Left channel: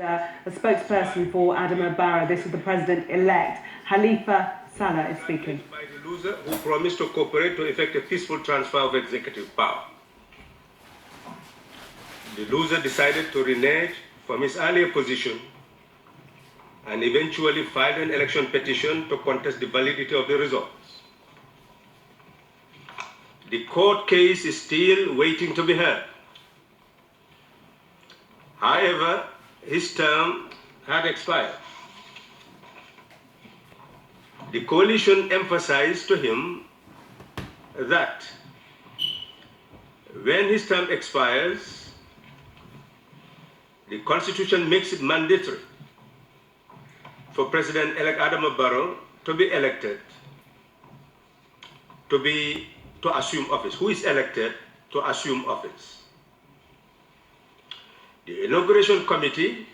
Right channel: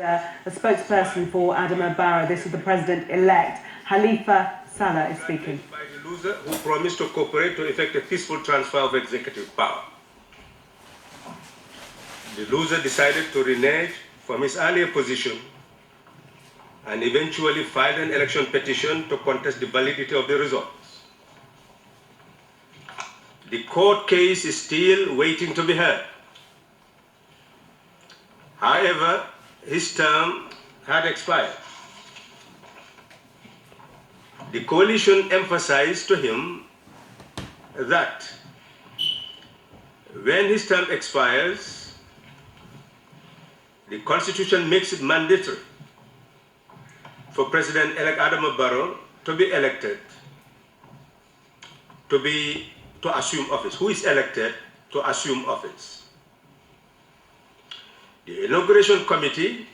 A spokesperson for Adama Barrow. This is the president-elect. Halifa Sallah is speaking. By the loser who promised to cooperate to effect a peaceful transfer of executive power. The loser decided to renege from his earlier position and eventually filed an election petition to contest the validity of the results. The court case is still waiting to be heard. However, his term had expired. The coalition emphasized to him that when his term expires, the Constitution makes it mandatory for President-elect Adama Barrow to be elected, to assume office. Who is elected to assume office? The inauguration committee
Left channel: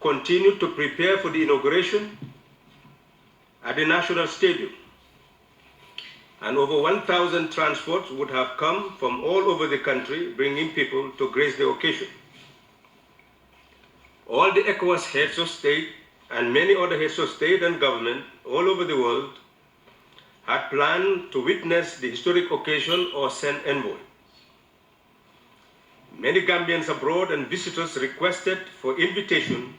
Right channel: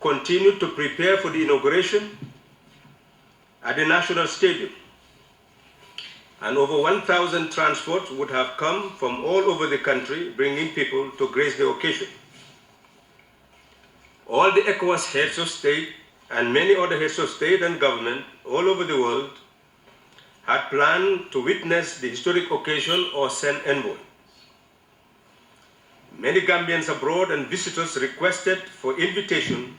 continued to prepare for the inauguration at the National Stadium, and over 1,000 transports would have come from all over the country, bringing people to grace the occasion. All the ECOWAS heads of state and many other heads of state and government all over the world had planned to witness the historic occasion or send envoys. Many Gambians abroad and visitors requested for invitation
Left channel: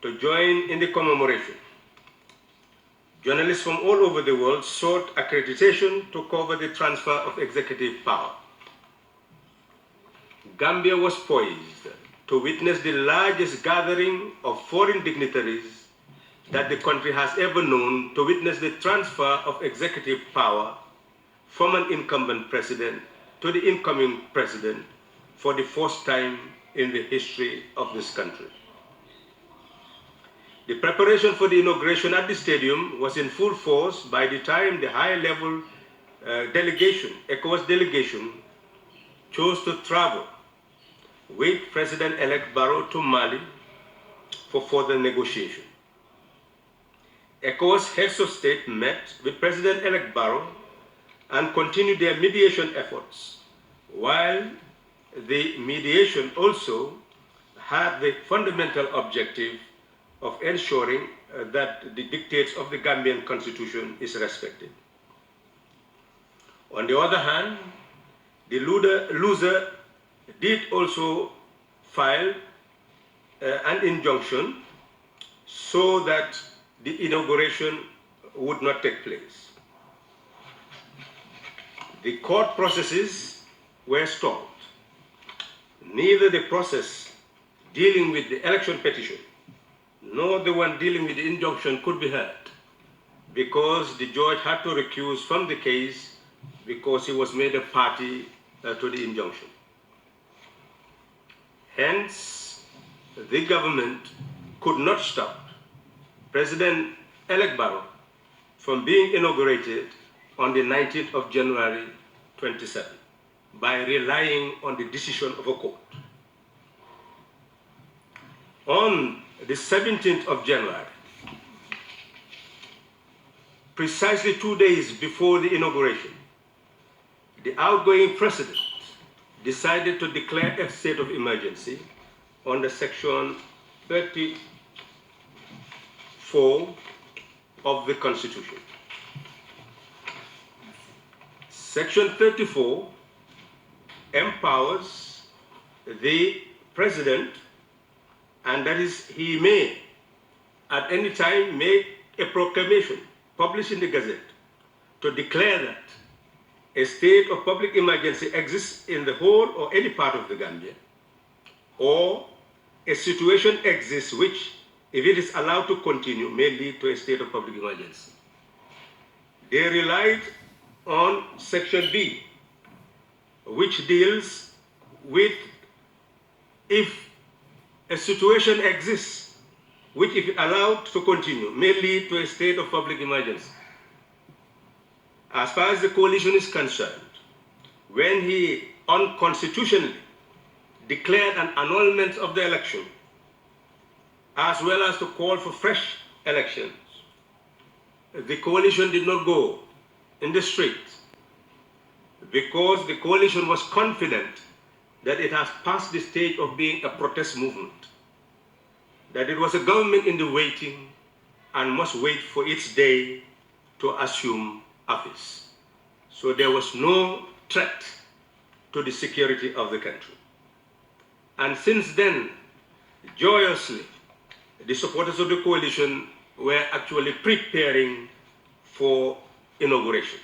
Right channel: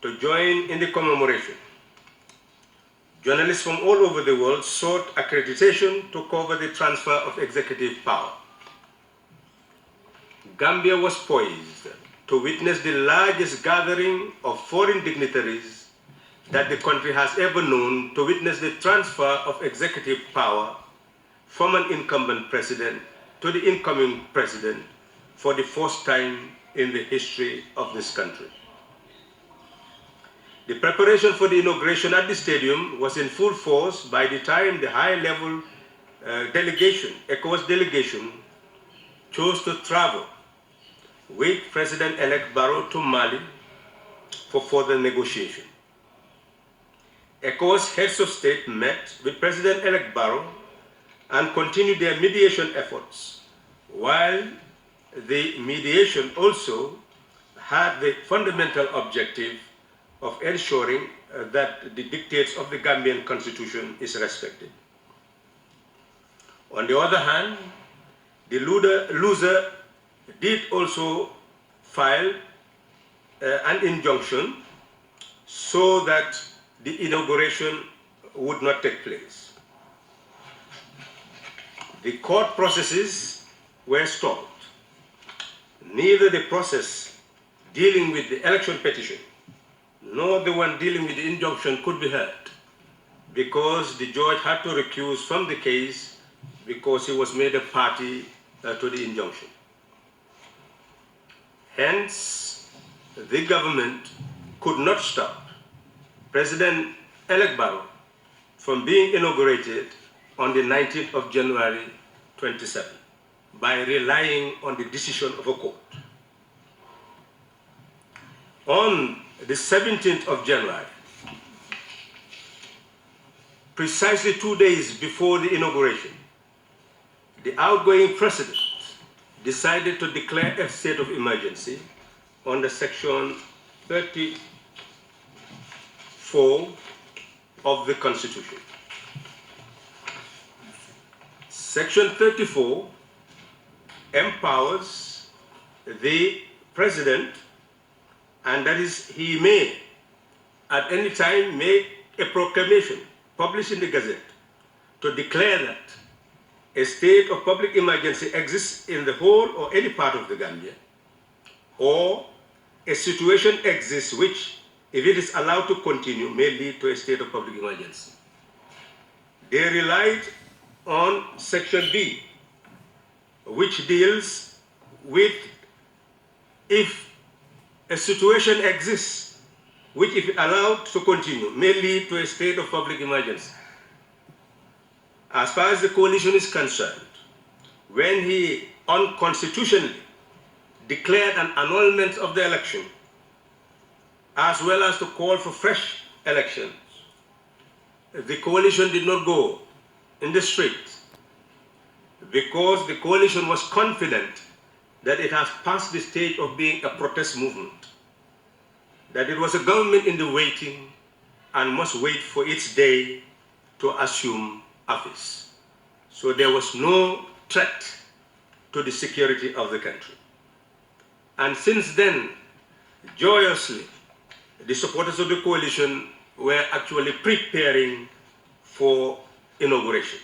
to join in the commemoration. Journalists from all over the world sought accreditation to cover the transfer of executive power. Gambia was poised to witness the largest gathering of foreign dignitaries that the country has ever known, to witness the transfer of executive power from an incumbent president to the incoming president for the first time in the history of this country. The preparation for the inauguration at the stadium was in full force by the time the high-level delegation, ECOWAS delegation, chose to travel with President-elect Barrow to Mali for further negotiation. ECOWAS heads of state met with President-elect Barrow and continued their mediation efforts, while the mediation also had the fundamental objective of ensuring that the dictates of the Gambian constitution is respected. On the other hand, the loser did also file an injunction so that the inauguration would not take place. The court processes were stalled. Neither the process dealing with the election petition nor the one dealing with the injunction could be heard, because the judge had to recuse from the case because he was made a party to the injunction. Hence, the government could not stop President-elect Barrow from being inaugurated on the 19th of January 27 by relying on the decision of a court. On the 17th of January, precisely 2 days before the inauguration, the outgoing president decided to declare a state of emergency under Section 34 of the Constitution. Section 34 empowers the president, and that is, he may at any time make a proclamation published in the Gazette to declare that a state of public emergency exists in the whole or any part of the Gambia, or a situation exists which, if it is allowed to continue, may lead to a state of public emergency. They relied on Section B, which deals with if a situation exists which, if allowed to continue, may lead to a state of public emergency. As far as the coalition is concerned, when he unconstitutionally declared an annulment of the election, as well as to call for fresh elections, the coalition did not go in the streets because the coalition was confident that it has passed the stage of being a protest movement. that it was a government in the waiting and must wait for its day to assume office. So there was no threat to the security of the country. And since then, joyously, the supporters of the coalition were actually preparing for inauguration.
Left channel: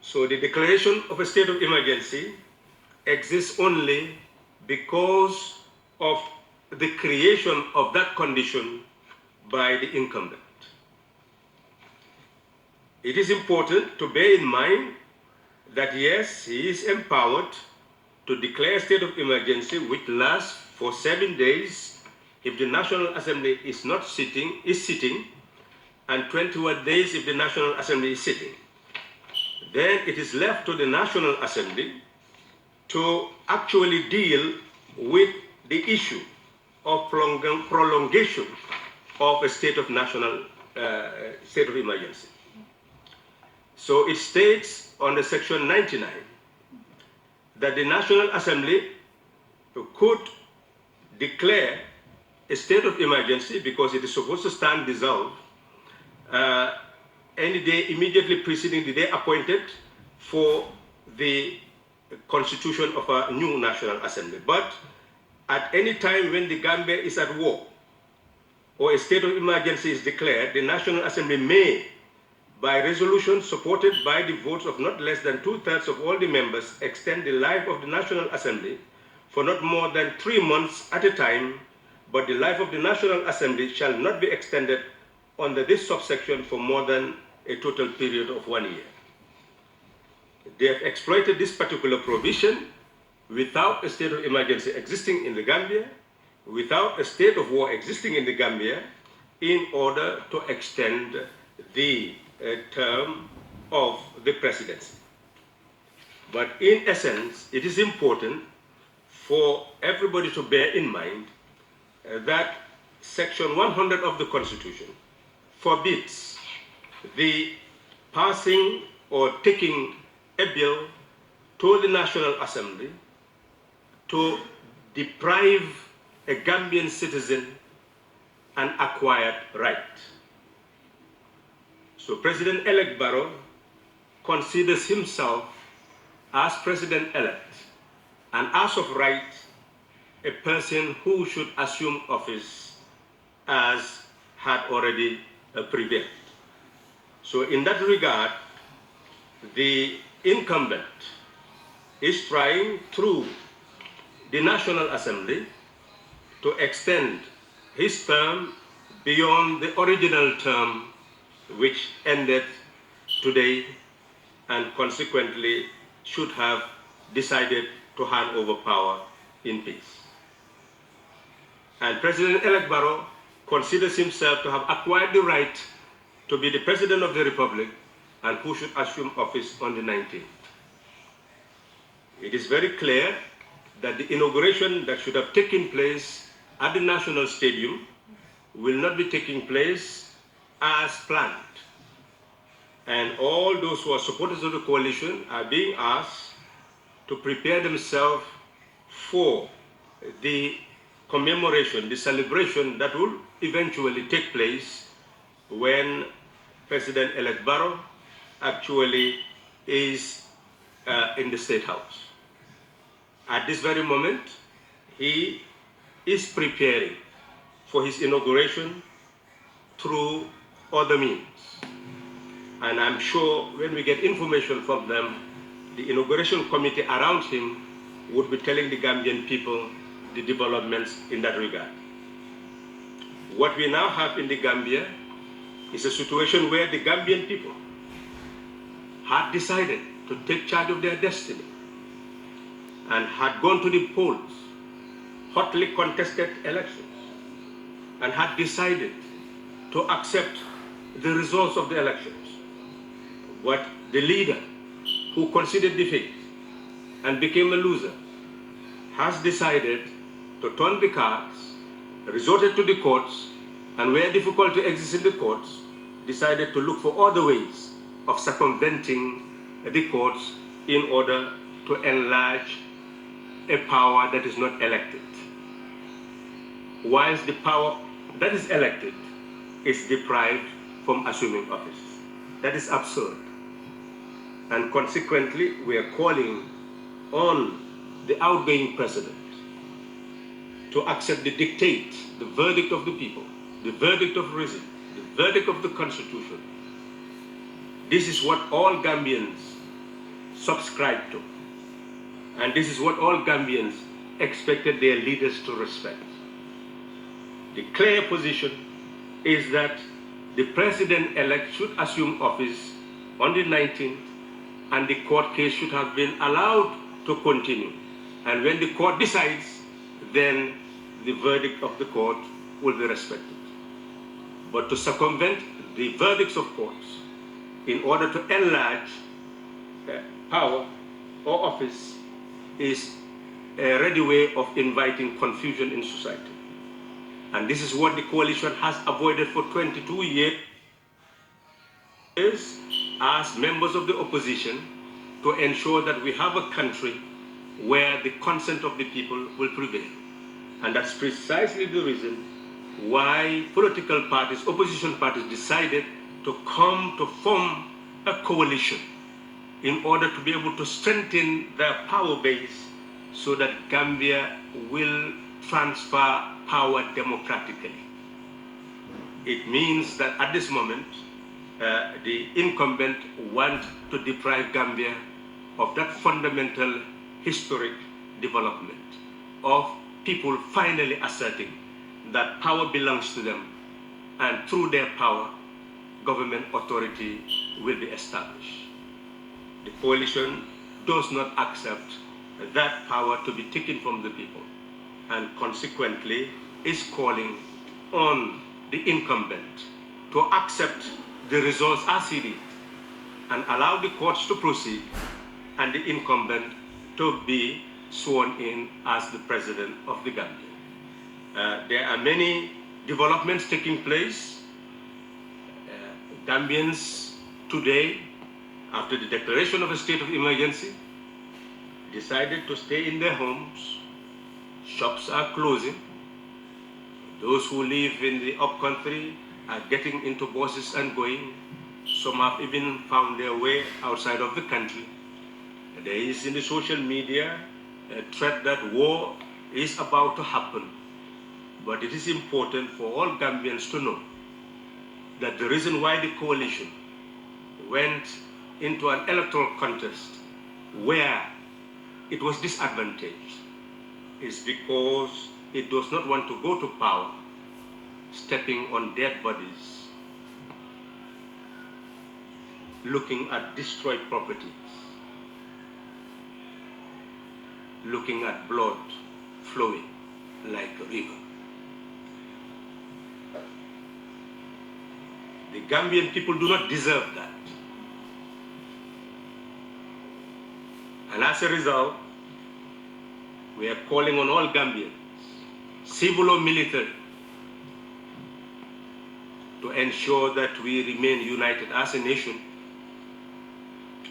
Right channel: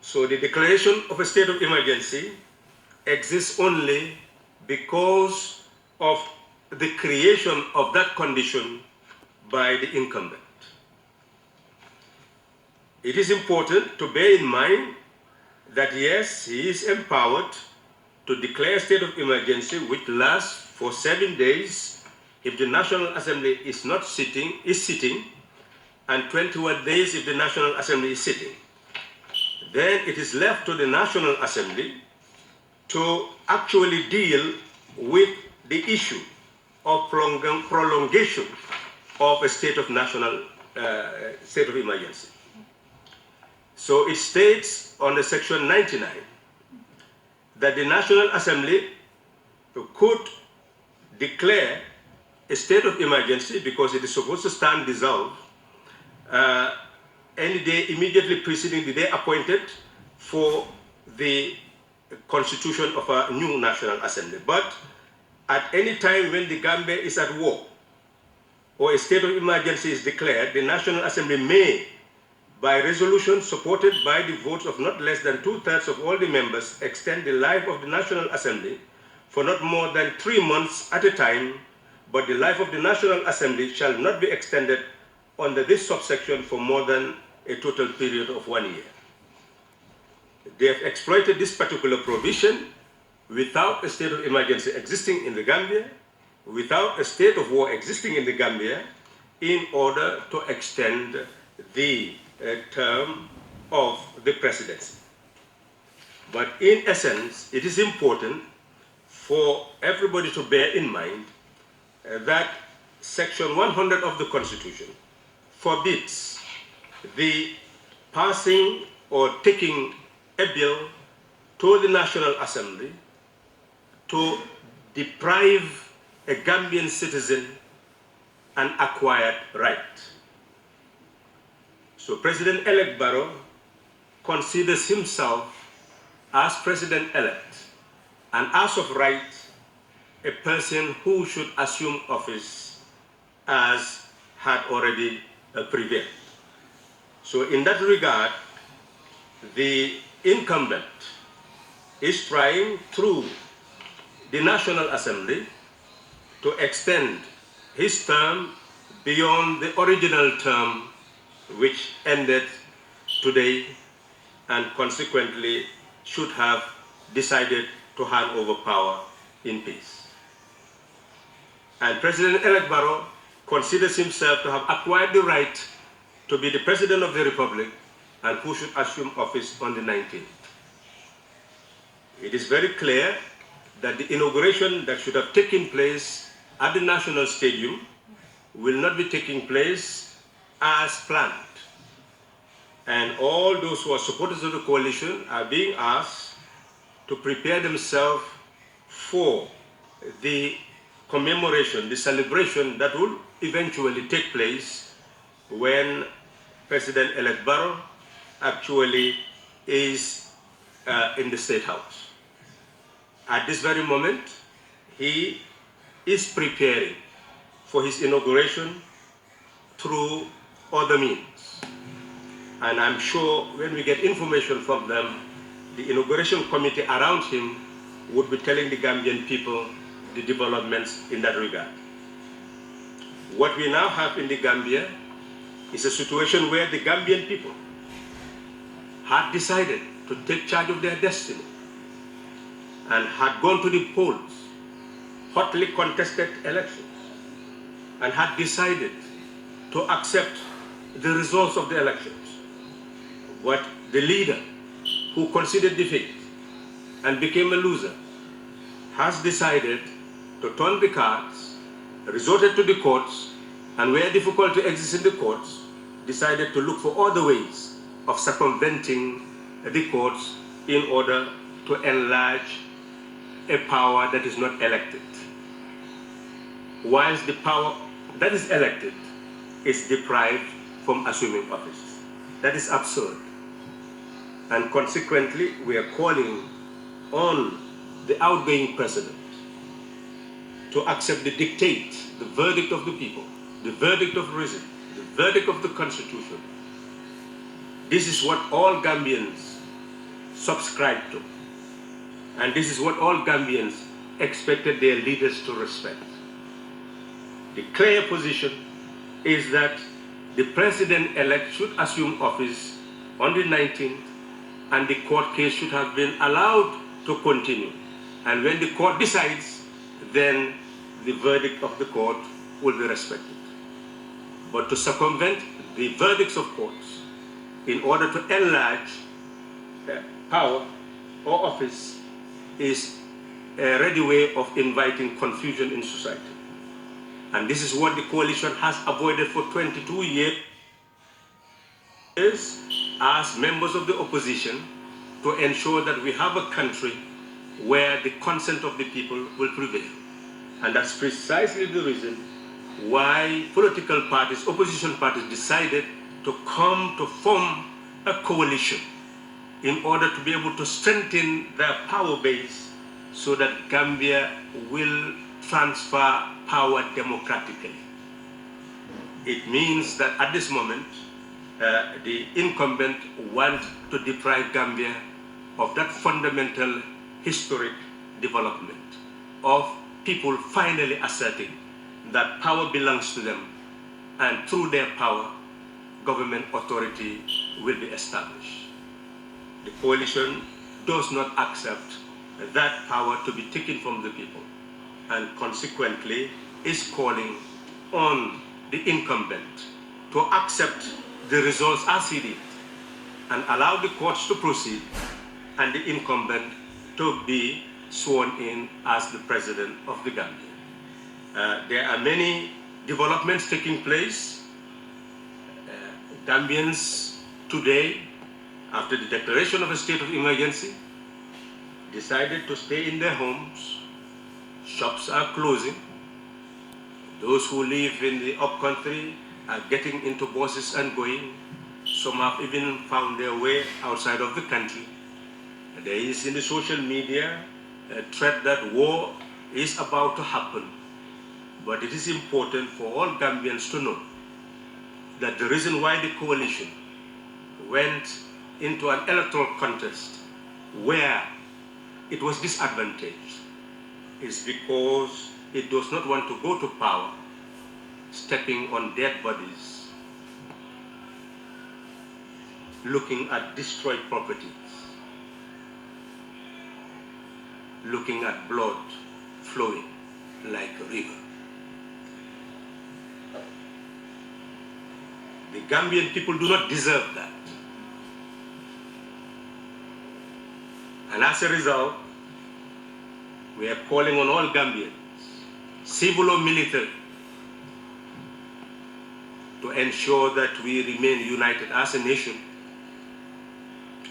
So the declaration of a state of emergency exists only because of the creation of that condition by the incumbent. It is important to bear in mind that yes, he is empowered to declare a state of emergency which lasts for 7 days if the National Assembly is sitting, and 21 days if the National Assembly is sitting. Then it is left to the National Assembly to actually deal with the issue of prolongation of a state of emergency. So it states under section 99 that the National Assembly could declare a state of emergency because it is supposed to stand dissolved any day immediately preceding the day appointed for the constitution of a new National Assembly. But at any time when the Gambia is at war or a state of emergency is declared, the National Assembly may, by resolution supported by the votes of not less than 2/3 of all the members, extend the life of the National Assembly for not more than 3 months at a time, but the life of the National Assembly shall not be extended under this subsection for more than a total period of 1 year. They have exploited this particular provision without a state of emergency existing in the Gambia, without a state of war existing in the Gambia, in order to extend the term of the presidency. But in essence, it is important for everybody to bear in mind that Section 100 of the Constitution forbids the passing or taking a bill to the National Assembly to deprive a Gambian citizen an acquired right. So President-elect Barrow considers himself as President-elect and as of right a person who should assume office as had already prevailed. So in that regard, the incumbent is trying through the National Assembly to extend his term beyond the original term which ended today, and consequently should have decided to hand over power in peace. And President-elect Barrow considers himself to have acquired the right to be the President of the Republic and who should assume office on the 19th. It is very clear that the inauguration that should have taken place at the National Stadium will not be taking place as planned. And all those who are supporters of the coalition are being asked to prepare themselves for the commemoration, the celebration that will eventually take place when President-elect Barrow actually is in the State House. At this very moment, he is preparing for his inauguration through other means. And I'm sure when we get information from them, the inauguration committee around him would be telling the Gambian people the developments in that regard. What we now have in the Gambia is a situation where the Gambian people had decided to take charge of their destiny and had gone to the polls, hotly contested elections, and had decided to accept the results of the elections. But the leader who conceded defeat and became a loser has decided to turn the cards, resorted to the courts, and where difficulty exists in the courts, decided to look for other ways of circumventing the courts in order to enlarge a power that is not elected. whilst the power that is elected is deprived from assuming office. That is absurd. And consequently, we are calling on the outgoing president to accept the dictate, the verdict of the people, the verdict of reason, the verdict of the Constitution. This is what all Gambians subscribe to. And this is what all Gambians expected their leaders to respect. The clear position is that the president-elect should assume office on the 19th, and the court case should have been allowed to continue. And when the court decides, then the verdict of the court will be respected. But to circumvent the verdicts of courts in order to enlarge power or office is a ready way of inviting confusion in society. And this is what the coalition has avoided for 22 years as members of the opposition, to ensure that we have a country where the consent of the people will prevail. And that's precisely the reason why political parties, opposition parties, decided to come to form a coalition in order to be able to strengthen their power base so that Gambia will transfer power democratically. It means that at this moment, the incumbent want to deprive Gambia of that fundamental historic development of people finally asserting that power belongs to them, and through their power, government authority will be established. The coalition does not accept that power to be taken from the people, and consequently is calling on the incumbent to accept the results as he did and allow the courts to proceed and the incumbent to be sworn in as the president of the Gambia. There are many developments taking place. Gambians today, after the declaration of a state of emergency, decided to stay in their homes. Shops are closing. Those who live in the upcountry are getting into buses and going. Some have even found their way outside of the country. There is in the social media a threat that war is about to happen. But it is important for all Gambians to know that the reason why the coalition went into an electoral contest where it was disadvantaged is because it does not want to go to power stepping on dead bodies, looking at destroyed properties, looking at blood flowing like a river. The Gambian people do not deserve that. And as a result, we are calling on all Gambians, civil or military, to ensure that we remain united as a nation,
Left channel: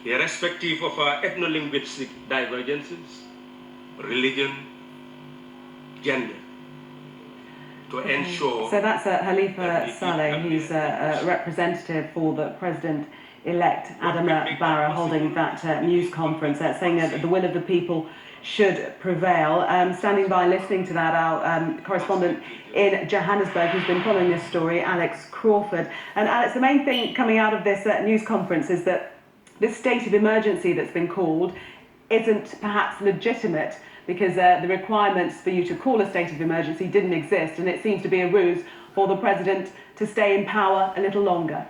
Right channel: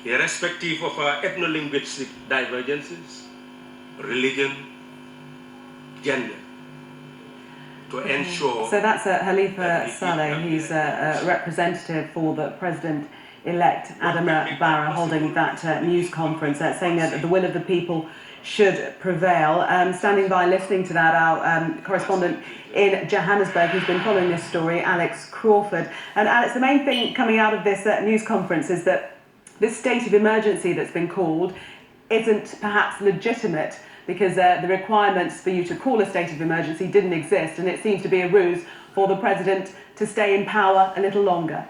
irrespective of our ethno-linguistic divergences, religion, gender, to ensure... So that's Halifa Saleh, who's a representative for the President-elect Adama Barrow, holding that news conference, saying that the will of the people should prevail. Standing by listening to that, our correspondent in Johannesburg, who's been following this story, Alex Crawford. And Alex, the main thing coming out of this news conference is that this state of emergency that's been called isn't perhaps legitimate, because the requirements for you to call a state of emergency didn't exist, and it seems to be a ruse for the president to stay in power a little longer.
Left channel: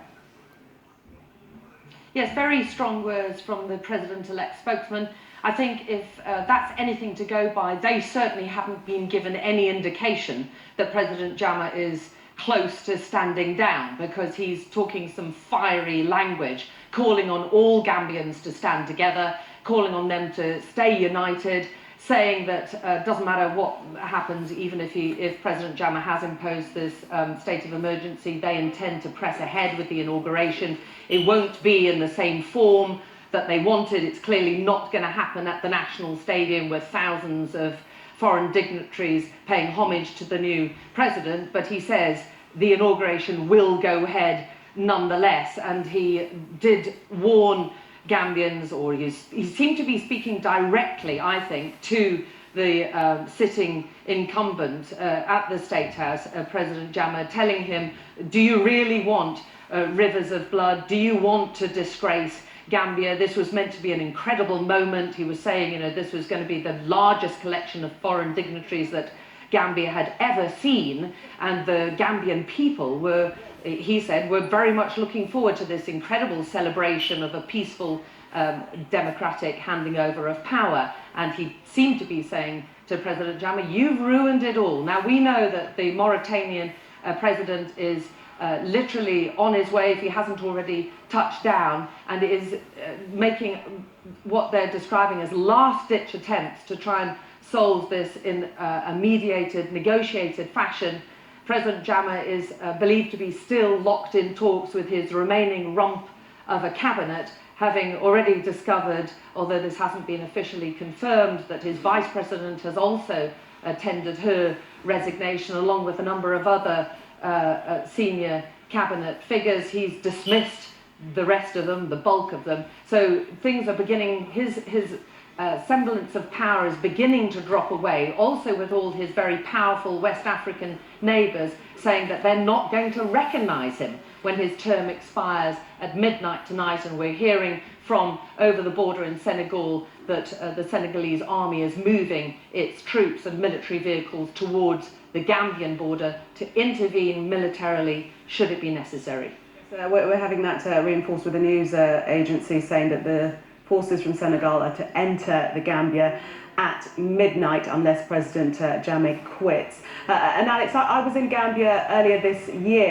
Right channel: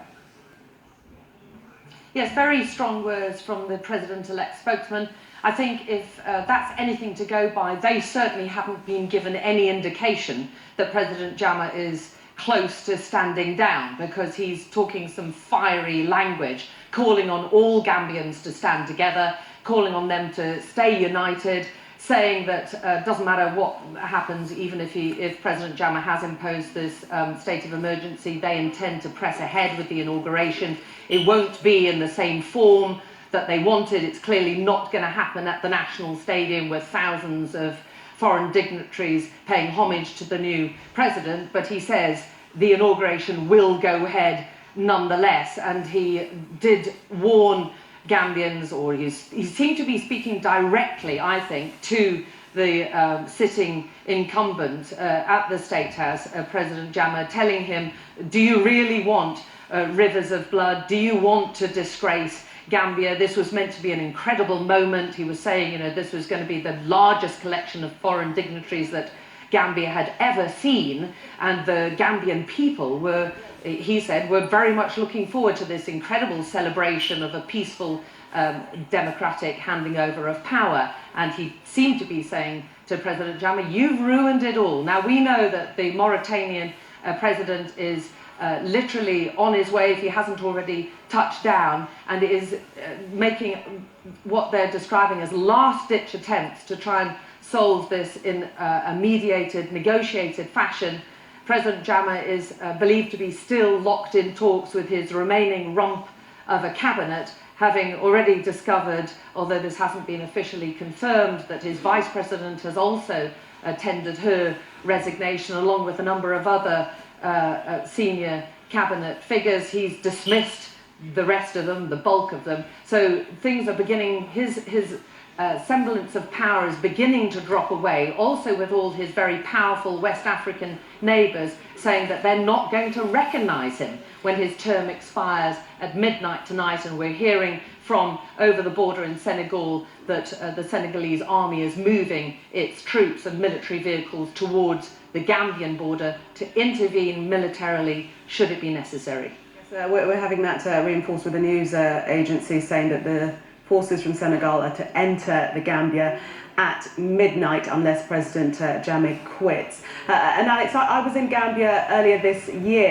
Yes, very strong words from the president-elect spokesman. I think if that's anything to go by, they certainly haven't been given any indication that President Jammeh is close to standing down, because he's talking some fiery language, calling on all Gambians to stand together, calling on them to stay united, saying that doesn't matter what happens, even if President Jammeh has imposed this state of emergency, they intend to press ahead with the inauguration. It won't be in the same form that they wanted. It's clearly not going to happen at the National Stadium with thousands of foreign dignitaries paying homage to the new president, but he says the inauguration will go ahead nonetheless, and he did warn Gambians, or he seemed to be speaking directly, I think, to the sitting incumbent at the State House, President Jammeh, telling him, do you really want rivers of blood? Do you want to disgrace Gambia? This was meant to be an incredible moment. He was saying, you know, this was going to be the largest collection of foreign dignitaries that Gambia had ever seen, and the Gambian people were, he said, were very much looking forward to this incredible celebration of a peaceful democratic handing over of power. And he seemed to be saying to President Jammeh, you've ruined it all. Now we know that the Mauritanian president is literally on his way, if he hasn't already touched down, and is making what they're describing as last-ditch attempts to try and solve this in a mediated, negotiated fashion. President Jammeh is believed to be still locked in talks with his remaining rump of a cabinet, having already discovered, although this hasn't been officially confirmed, that his vice president has also tendered her resignation, along with a number of other senior cabinet figures. He's dismissed the rest of them, the bulk of them. So things are beginning, his semblance of power is beginning to drop away, also with all his very powerful West African neighbours saying that they're not going to recognise him when his term expires at midnight tonight. And we're hearing from over the border in Senegal that the Senegalese army is moving its troops and military vehicles towards the Gambian border to intervene militarily should it be necessary. We're having that reinforced with the news agency saying that the forces from Senegal are to enter the Gambia at midnight unless President Jammeh quits. And Alex, I was in Gambia earlier this year.